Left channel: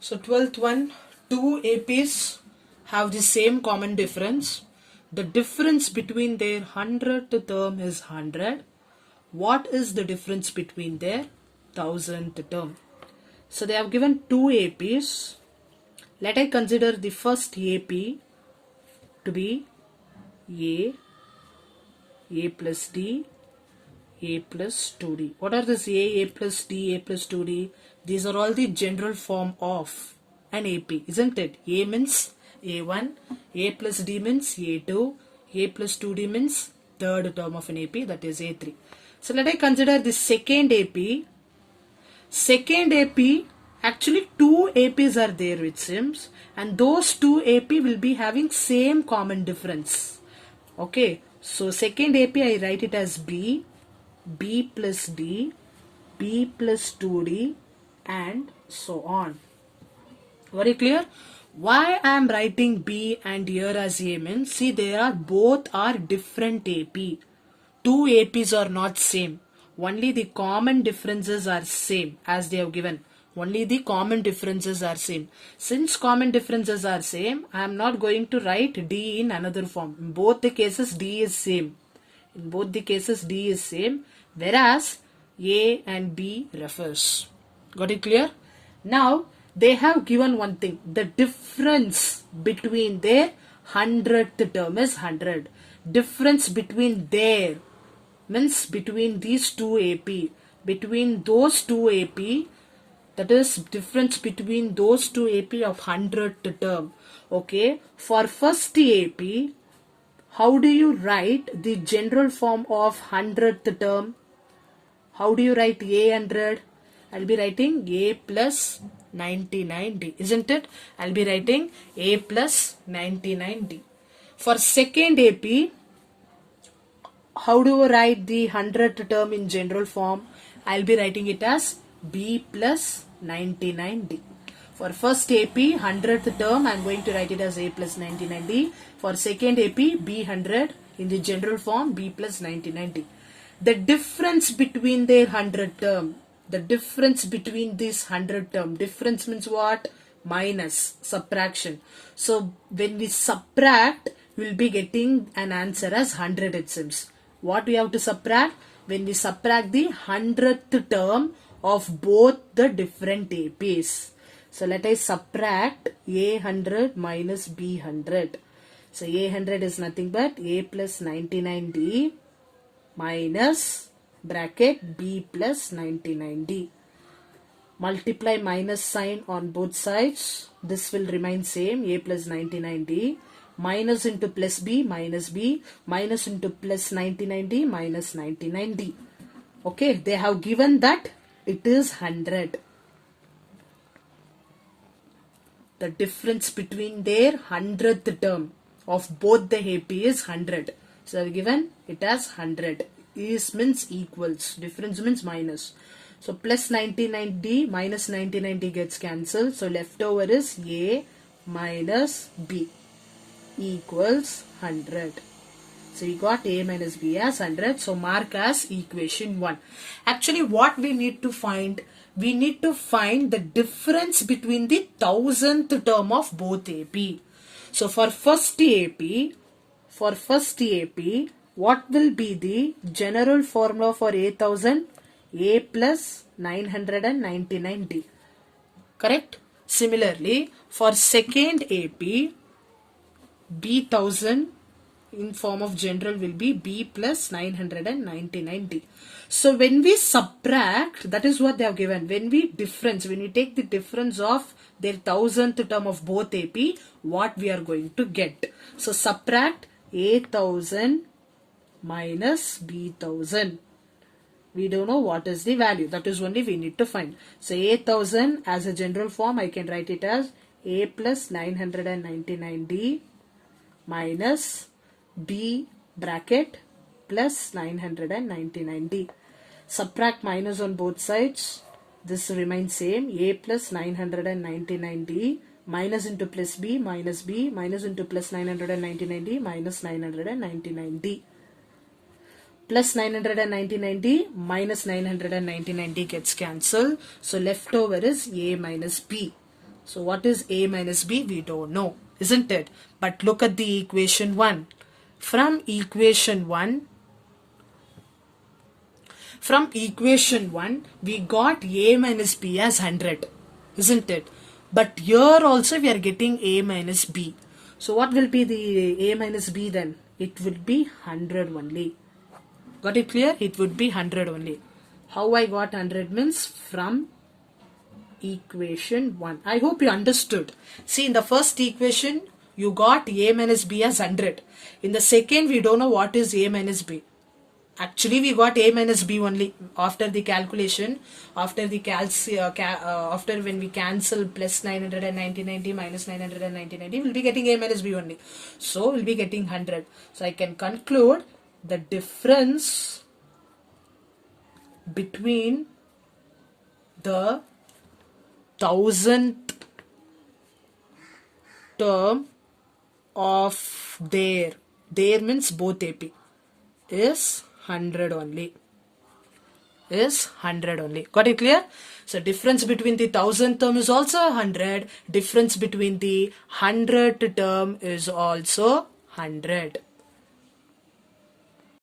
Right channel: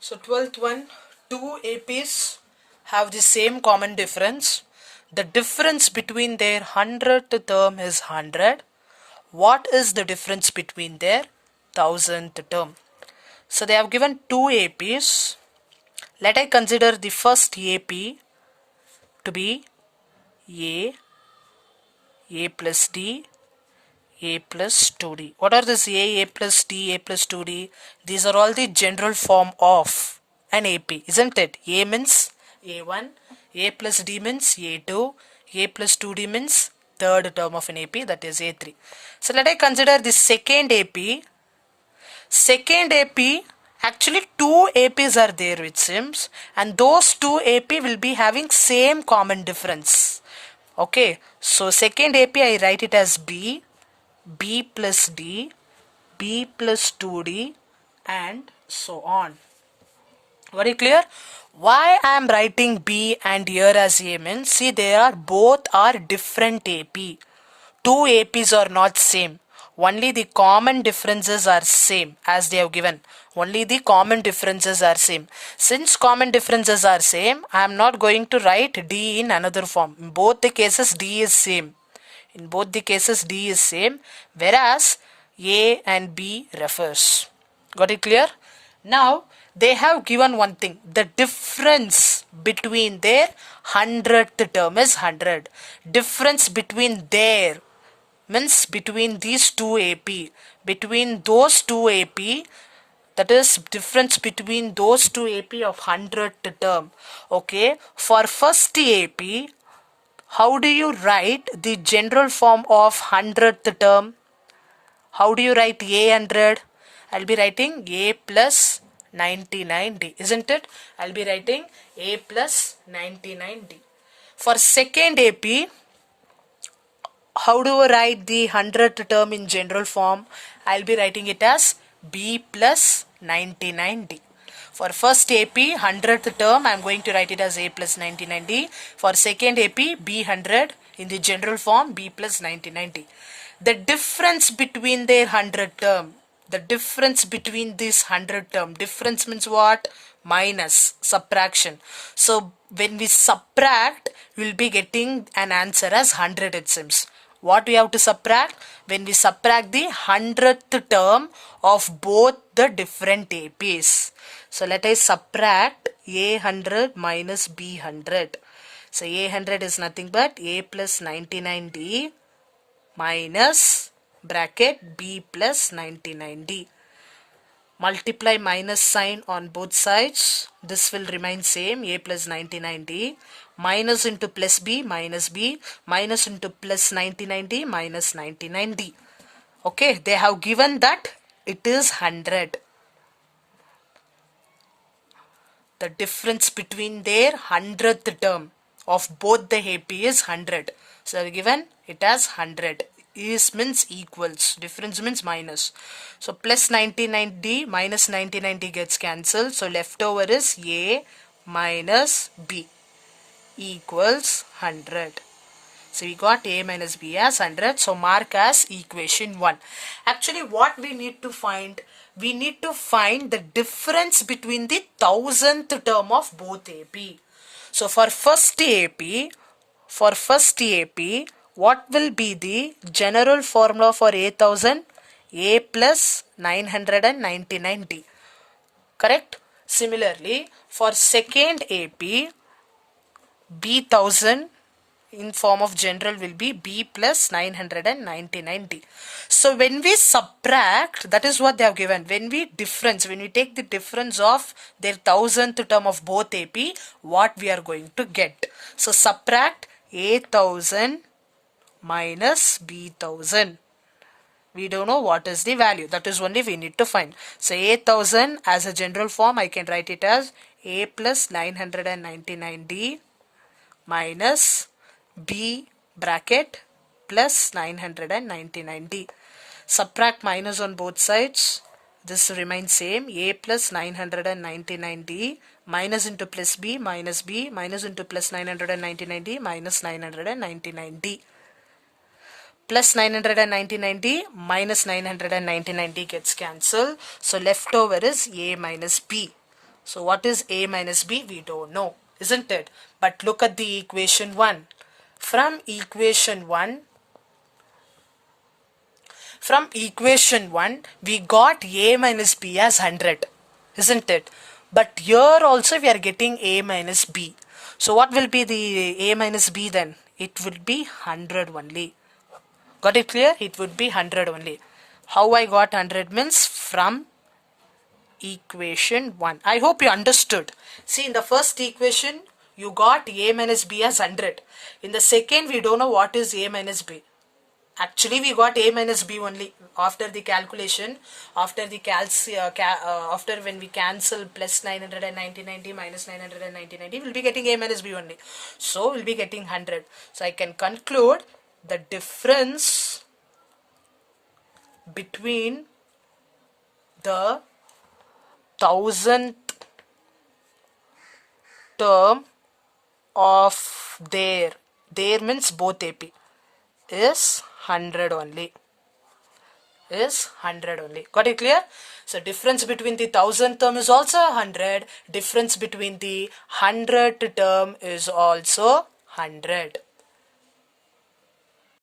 So 12th one, two APs have the same common difference. The difference between their 100th term is 100. What is the difference between their 1000th term? So they have given two APs. Let I consider the first AP to be A plus D, A plus 2D. What are this A plus D, A plus 2D? These are all the general form of an AP, isn't it? A means A1, A plus D means A2, A plus 2D means third term of an AP, that is A3. So let I consider the second AP. Second AP, actually two APs are there which seems, and those two AP will be having same common difference. Okay, so second AP I write it as B, B plus D, B plus 2D, and so on. Very clear? Why I am writing B and here as A means, see they are both are different AP. Two APs are not same. Only the common differences are same as they have given. Only the common differences are same. Since common differences are same, I am not going to write D in another form. In both the cases D is same. In both the cases D is same, whereas A and B refers. Got it clear? Now they have given one thing. The difference between their 100th term is 100. Difference between their means between these two AP. Between those two AP, that is difference between those two AP of 100th term. Okay. For first AP, how do you write the general form of 100th term? How do you write A100? I'll be writing A plus 99D, isn't it? I'll be writing A plus 99D. For second AP, how do I write the 100th term in general form? I'll be writing it as B plus 99D. For first AP, 100th term, I'm going to write it as A plus 99D. For second AP, B100 in the general form, B plus 99D. The difference between their 100 term, the difference between this 100 term, difference means what? Minus, subtraction. So when we subtract, we'll be getting an answer as 100 it seems. What we have to subtract? When we subtract the 100th term of both the different APs. So let us subtract A100 minus B100. So A100 is nothing but A plus 99D minus bracket B plus 99D. Multiply minus sign on both sides. This will remain same, A plus 99D. Minus into plus B, minus B. Minus into plus 99D, minus 99D. Okay, they have given that it is 100. The difference between their 100th term of both the AP is 100. So given it as 100. Is means equals. Difference means minus. So plus 99D minus 99D gets cancelled. So leftover is A minus B equals 100. So we got A minus B as 100. So mark as equation 1. Actually what we need to find? We need to find the difference between the 1000th term of both AP. So for first AP, what will be the general formula for A1000? A plus 999D. Correct? Similarly, for second AP, B1000 in form of general will be B plus 999D. So when we subtract, that is what they have given. When we take the difference of their 1000th term of both AP, what we are going to get. So subtract A1000 minus B1000. We don't know what is the value. That is only we need to find. So A1000 as a general form, I can write it as A plus 999D minus B bracket plus 999D. Subtract minus on both sides. This remains same. A plus 999D minus into plus B minus B minus into plus 999D minus 999D. Plus 999D minus 999D gets cancelled. So leftover is A minus B. So what is a minus b? We don't know, isn't it? But look at the equation 1. From equation 1, we got a minus b as 100, isn't it? But here also we are getting a minus b. So what will be the a minus b then? It will be 100 only. Got it clear? It would be 100 only. How I got 100 means from equation 1. I hope you understood. See, in the first equation, you got a minus b as 100. In the second, we don't know what is a minus b. Actually, we got a minus b only after the calculation. After when we cancel plus 990 minus 990, we'll be getting a minus b only. So, we'll be getting 100. So, I can conclude the difference between the 1000th term of there means both AP is 100 only. Got it clear? So difference between the 1000th term is also 100. Difference between the 100th term is also 100.